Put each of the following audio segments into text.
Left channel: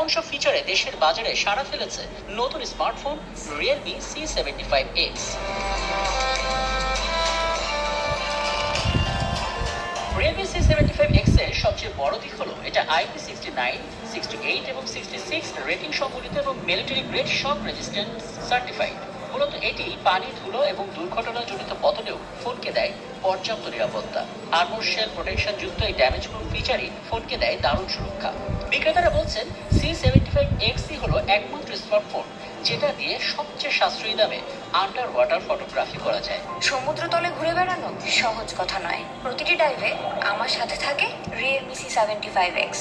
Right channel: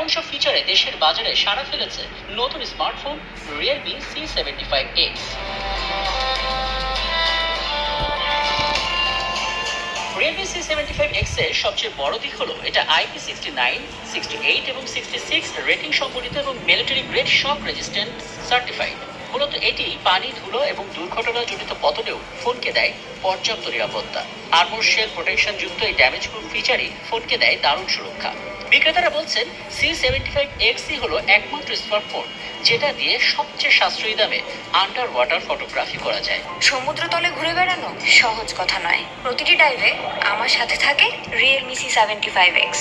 এমন সব ফিচারে দেশের বাজারে সাড়া ফেলেছে নতুন smartphone Realme C75X। Realme C75X এর সবচেয়ে বড় দিক হলো এটা IP69, 68 এবং 66 রেটিং সম্বলিত এবং মিলিটারি গ্রেড শক রেজিস্ট্যান্ট সার্টিফাইড। মূলত এটি পানি, ধুলো এবং দুর্ঘটনাজনিত পতনেও ফোনকে দেয় পর্যাপ্ত নিরাপত্তা। আর্মর শেল প্রোটেকশন যুক্ত এই ড্যামেজ প্রুফ ফিচারই ফোনকে দেয় দারুণ সুরক্ষা। বিক্রেতারা বলছেন C75X হলো একমাত্র স্মার্টফোন যেটা দিয়ে সবচেয়ে সাশ্রয়ী দামে আন্ডার ওয়াটার ফটোগ্রাফি করা যায়। সমুদ্রতলে ঘুরে বেড়ানো সহজ কথা নয়, প্রতিটি ডাইভে আমার সাথে থাকে রিয়েলমি C75X।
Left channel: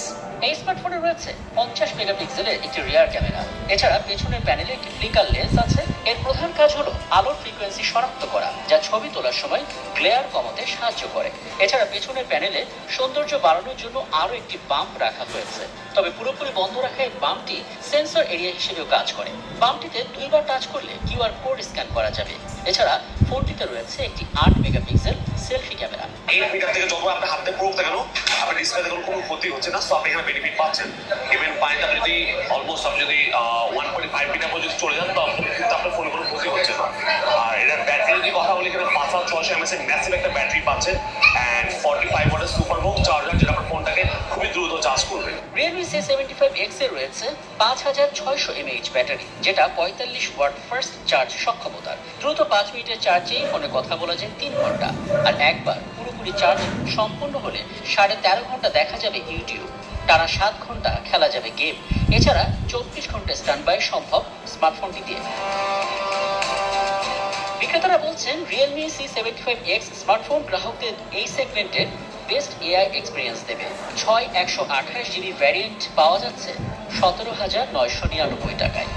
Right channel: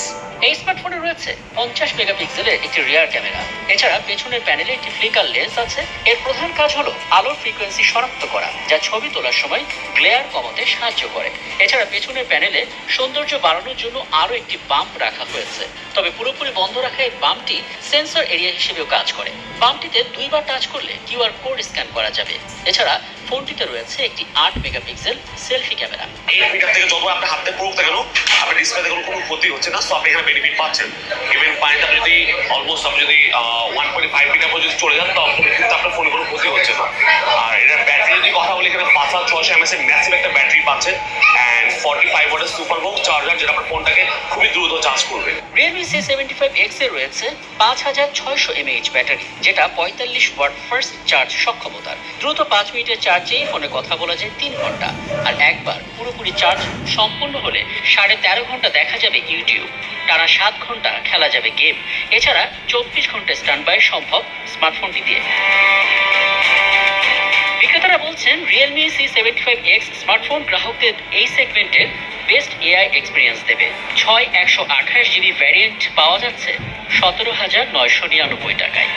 এই স্মার্টফোনে রয়েছে 50 মেগাপিক্সেলের একটি রিয়ার ক্যামেরা। এছাড়া পেছনের প্যানেলে একটি ফ্লিকার লেন্স আছে। এর প্রধান কাজ হলো আলোর ফ্রিকোয়েন্সি শনাক্ত করা, যা ছবি তোলার সময় গ্লেয়ার কমাতে সাহায্য করে। এছাড়া পেছনের প্যানেলে সৌন্দর্য বাড়ানোর জন্য আরো একটি বাম্প রাখা হয়েছে, তবে পুরোপুরি বন্ধ রাখা এই বাম্পটি সেন্সর এরিয়া হিসেবেও কাজ করে। বাম্পটিতে দুইবার টাচ করলে কিউআর কোড স্ক্যান করা যাবে। এছাড়া ফোনটিতে রয়েছে একটি 8 মেগাপিক্সেল সেলফি ক্যামেরা। এই মিটার থেকে যত আপনি হাতে পড়ুক না কেন, আপনার ডিসপ্লেতে কোনো ক্ষতি হচ্ছে না, সো আপনি এখানে বেনিফিট পাচ্ছেন। ইভেন পানিটা যদি অলমোস্ট আপনি যদি 1.5 মিটার পর্যন্ত চলে যান, তখন কিন্তু আপনার ফোনে কোনো ক্ষতি হচ্ছে না। আর এটার ব্যাটারি যদি কথা বলি, এখানে 5600 mAh এর ম্যাসিভ একটা ব্যাটারি পাচ্ছেন অ্যান্ড 45 ওয়াটের সুপার হোক চার্জার, যেটা আপনার ফোনটাকে খুবই দ্রুত চার্জ করবে। রিয়েলমি C75X এ রয়েছে 5600 mAh ব্যাটারি, যেটা 45 ওয়াট ফার্স্ট চার্জ সক্ষমতার। দ্রুত 5 মিনিটের চার্জেই ফোনে কথা বলা যায় 3 ঘন্টা। আর একবার পুরোপুরি চার্জ সম্পূর্ণ হলে 13.5 ঘন্টা দেখা যাবে ইউটিউব, টানা 7 ঘন্টা খেলা যাবে গেম। এছাড়া 24 ঘন্টা স্ট্যান্ড বাই সম্ভব স্মার্টফোনটি দিয়ে। বিক্রেতারা বলছেন রিয়েলমি C75X স্মার্টফোন গ্রাহকদের এই সেগমেন্টের বেস্ট এআই এক্সপিরিয়েন্স দেবে। 128GB ভ্যারিয়েন্ট পাওয়া যাচ্ছে 17,999 টাকায়।